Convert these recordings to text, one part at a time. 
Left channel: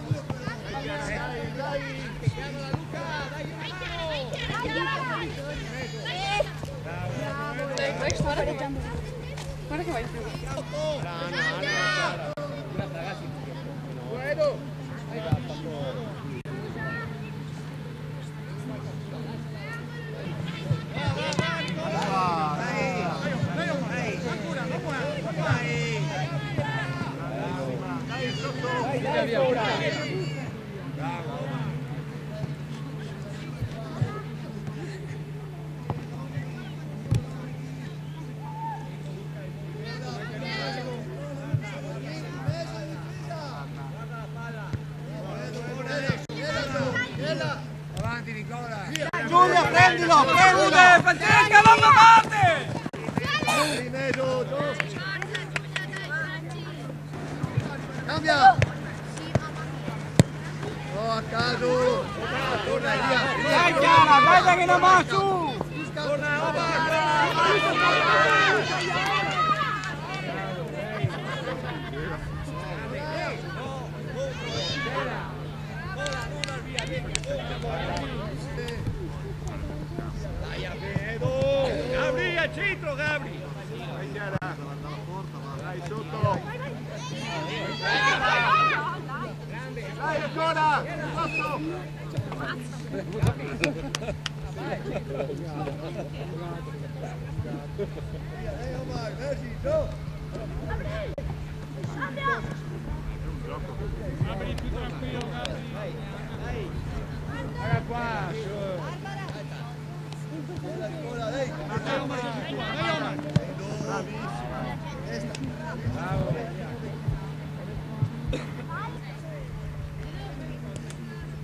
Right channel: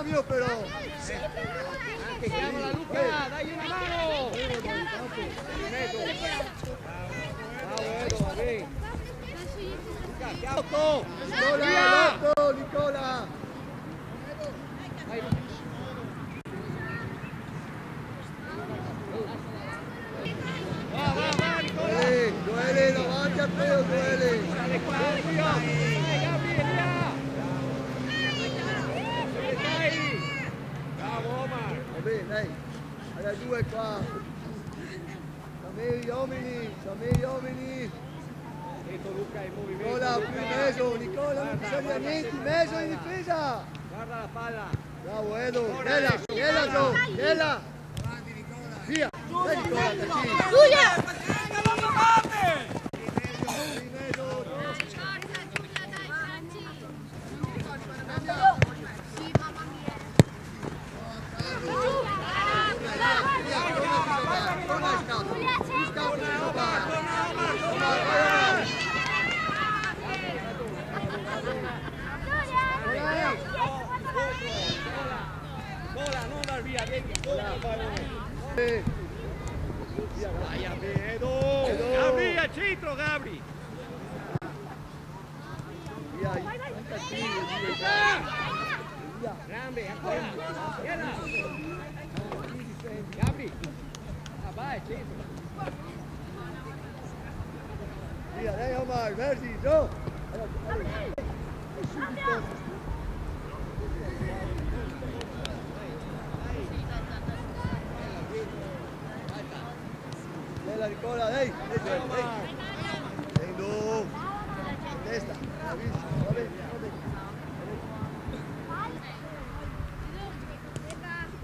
Cambio però. Anche chiamala Luca, dai una mano. Guarda che vai. Nicola. Va Nicola. Bravo Omar. Va bene, dai. Alla 2 qua. Dammi gli uomini. Ecco Luca in movimento. Nicola, Nicola, non bisogna niente, in mezzo in difesa. Guarda la palla. Bravo Edo, Ghela. Avanti Nicola. Via. Giulia, prendilo. Giulia, Francesca, va avanti. In mezzo. Dai, forza Giulia, dai Franci! Cambia. Sì, mamma mia! No, a caso. Torna, via. Guarda che non va su. Torna Omar. Nicola, non dar via, vedi, dai a Vedo! Gabri al centro, Gabri! Grande, ancora! Gabri! Vai al centro! Via, dai Omar, versi, giù. Dai! Guarda qua! Bella Nicola, dai. Dai Omar! Prendo. Testa. Vabbè.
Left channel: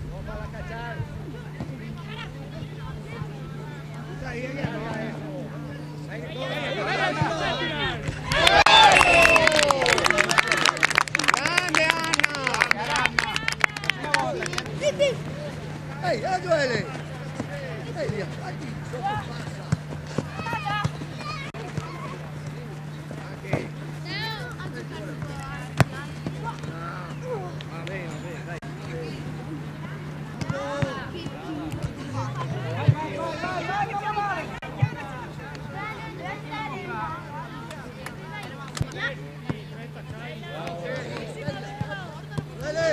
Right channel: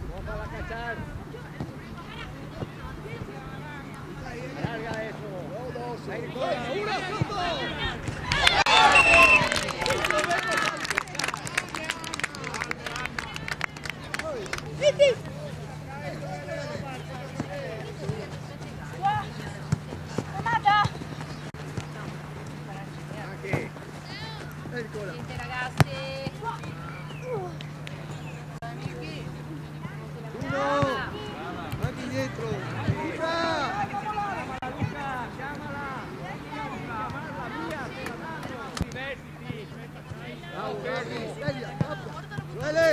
No para cachar. Larga eso. Ahí Nicola. Ehi, Emanuele. Ehi, via. Anche. Ehi, Nicola. Va bene, dai. Uno. Anche indietro. Duele.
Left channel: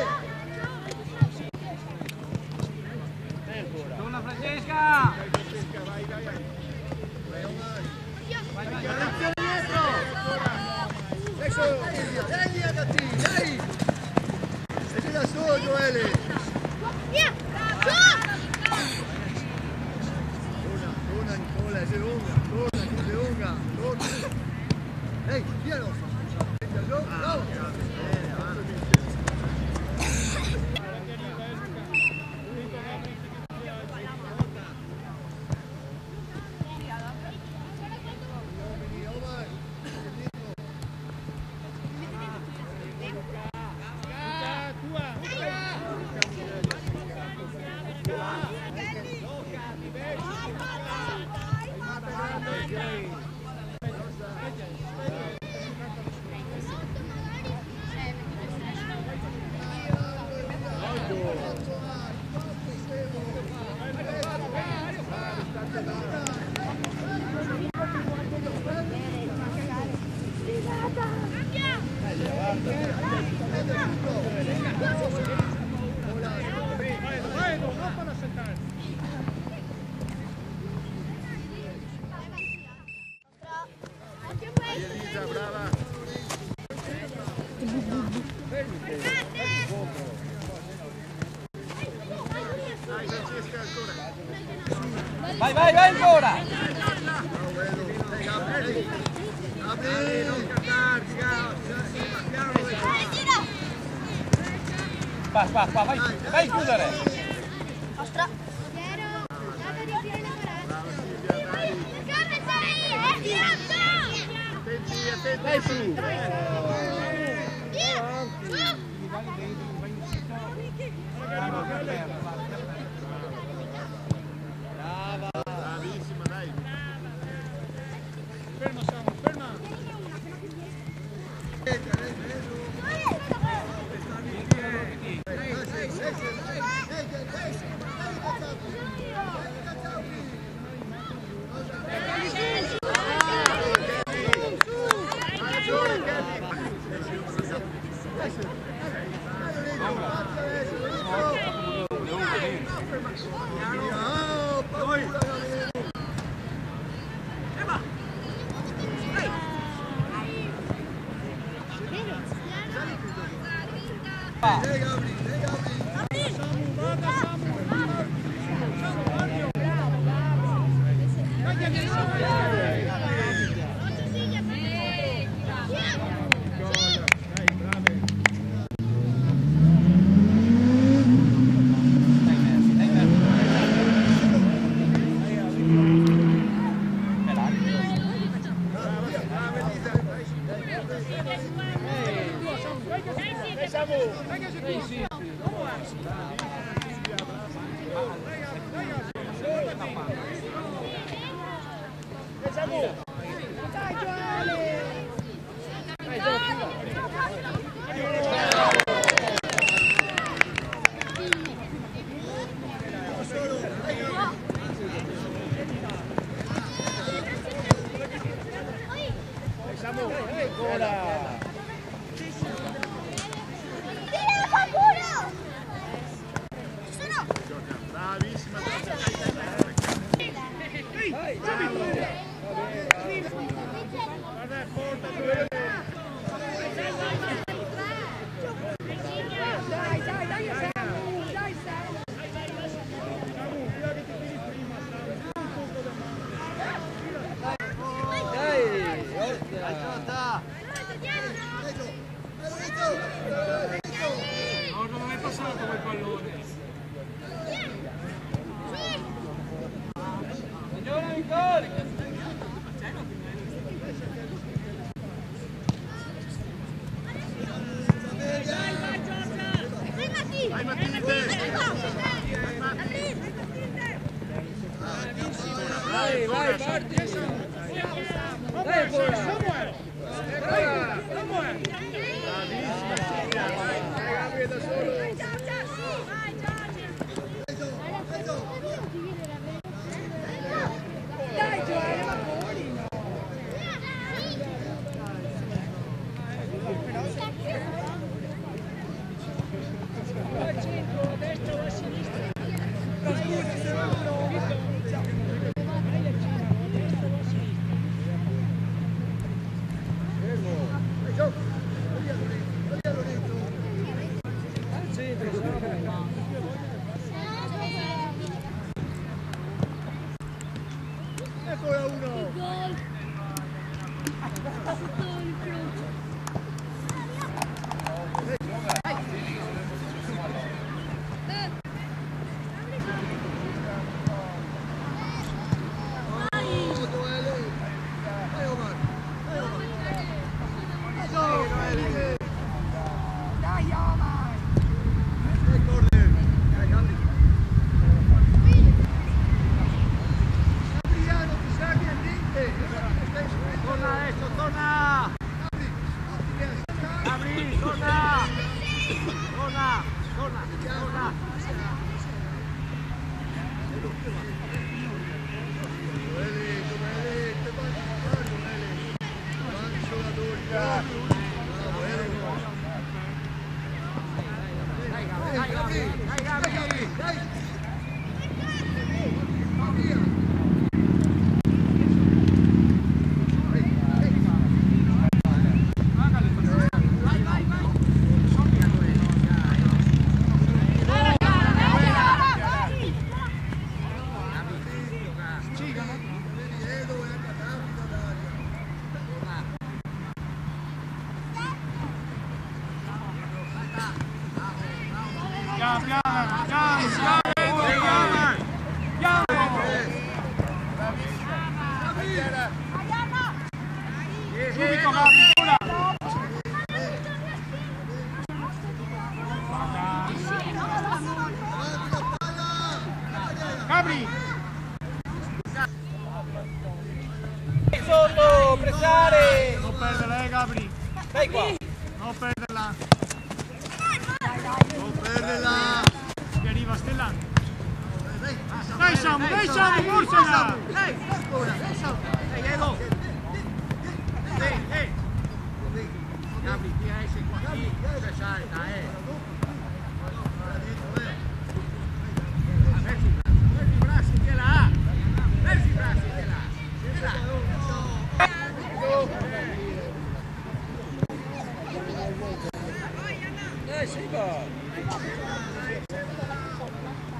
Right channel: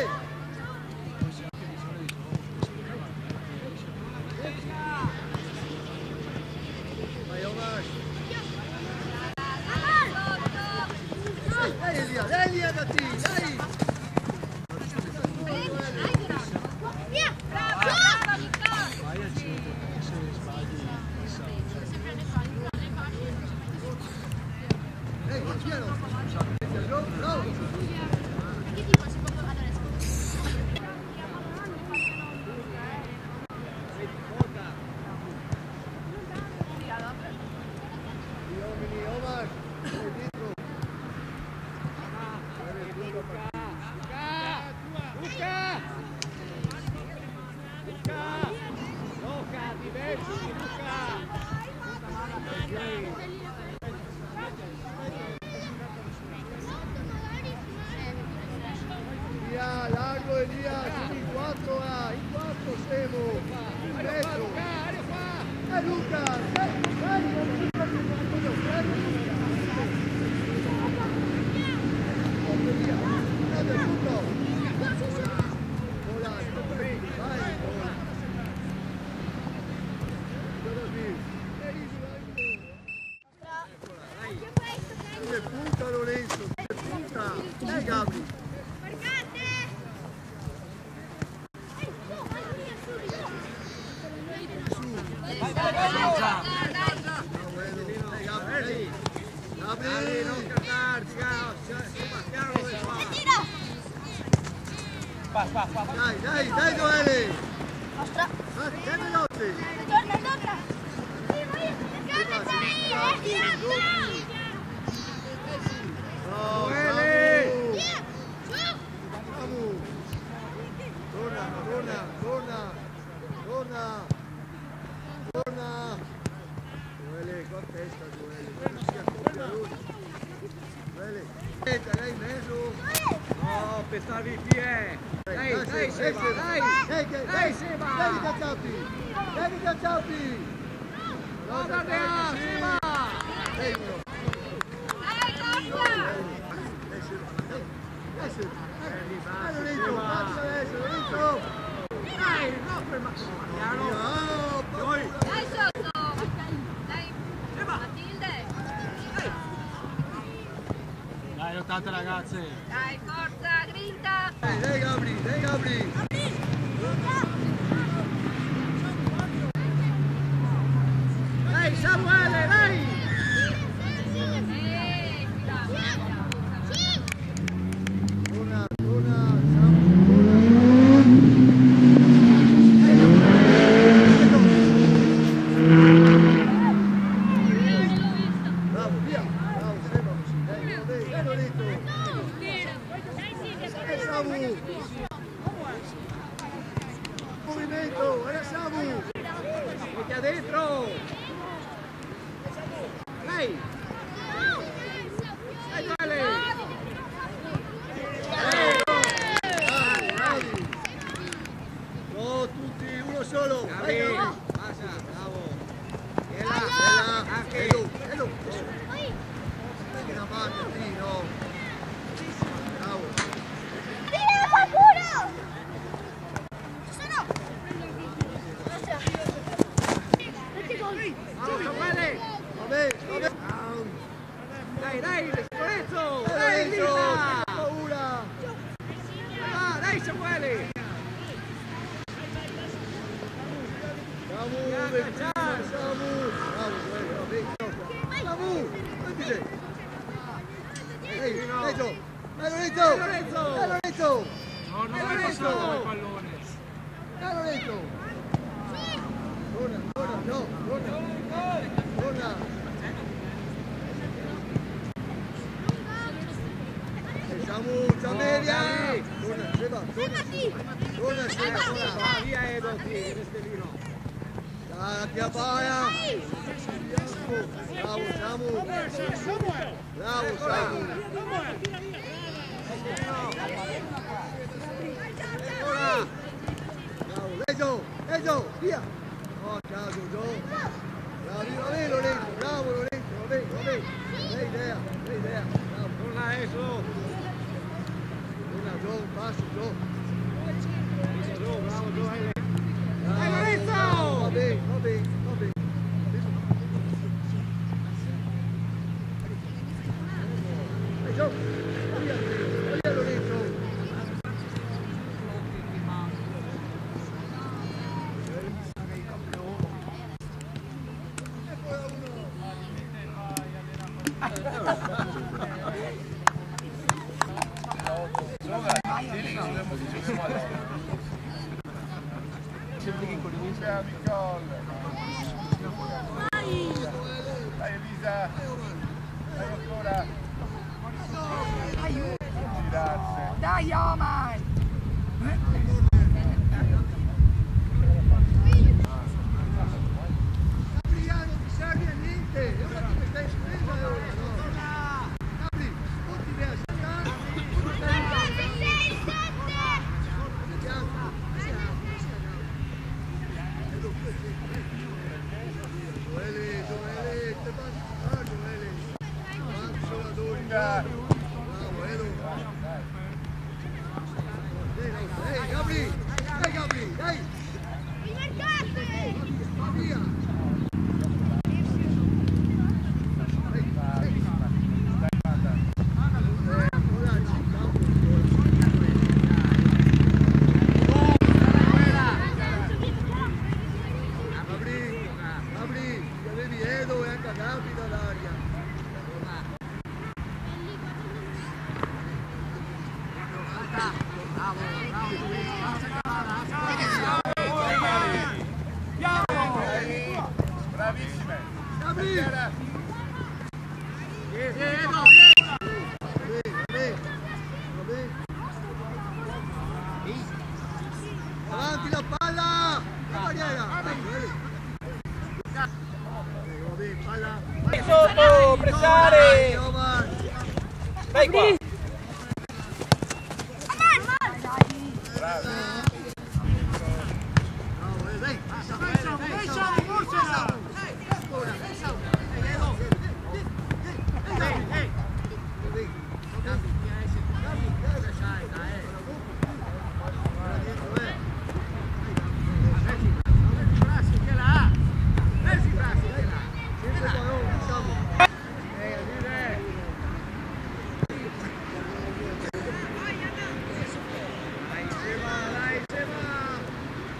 Torna Francesca. Vai Omar. Dai via, Gatti, dai. Stai da solo, Duele. Via! Torna Nicola, sei lunga. Torna. Ehi, piano. Metti giù, bravo. Gli uomini, Omar. Sei dietro. Gioca, diversi, Via, largo e via. In 4 siamo. In mezzo. Luca, dai. Scusa, prende Luca. Via. Prende tutto. Vola, vai. Occhio a questo! Vai ora. Gabri, non scartarti, Sebastiano di qua. dai, Noele. Ostra. Piero, dato di pieno grazie. Perché sei? Via, Dai su! via, su! Ferma. Lei in mezzo. stavi qui, Dai, lottate ragazzi. Dai, forza, grinta. Dai Gabri, dai Gabri.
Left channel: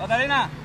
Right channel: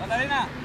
Maddalena!